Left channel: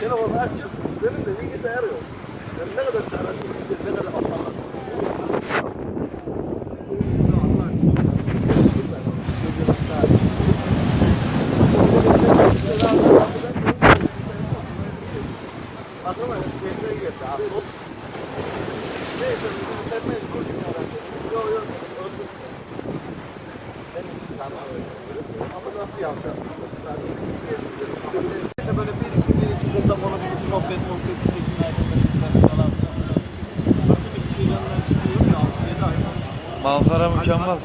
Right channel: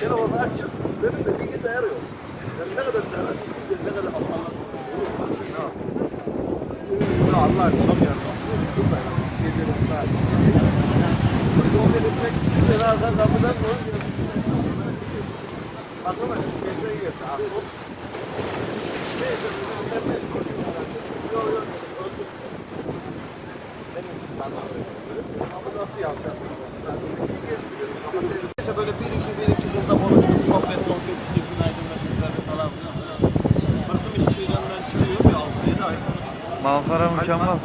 Telefonunu açıp benim de bilgisayar yok. Yani ne kadar karanlık, ne kadar aptallık. Ya Allah çok yardım. Gece hatta. Kenarda kapıdan dön. Aklıma geçen geldi. Aklım. Neyse ben meşgul gibi herhalde. Yok yok. Öldüm. Demek ki tanrı öyle. Ama nasıl yapacağım? Yani, Manzara mükemmel.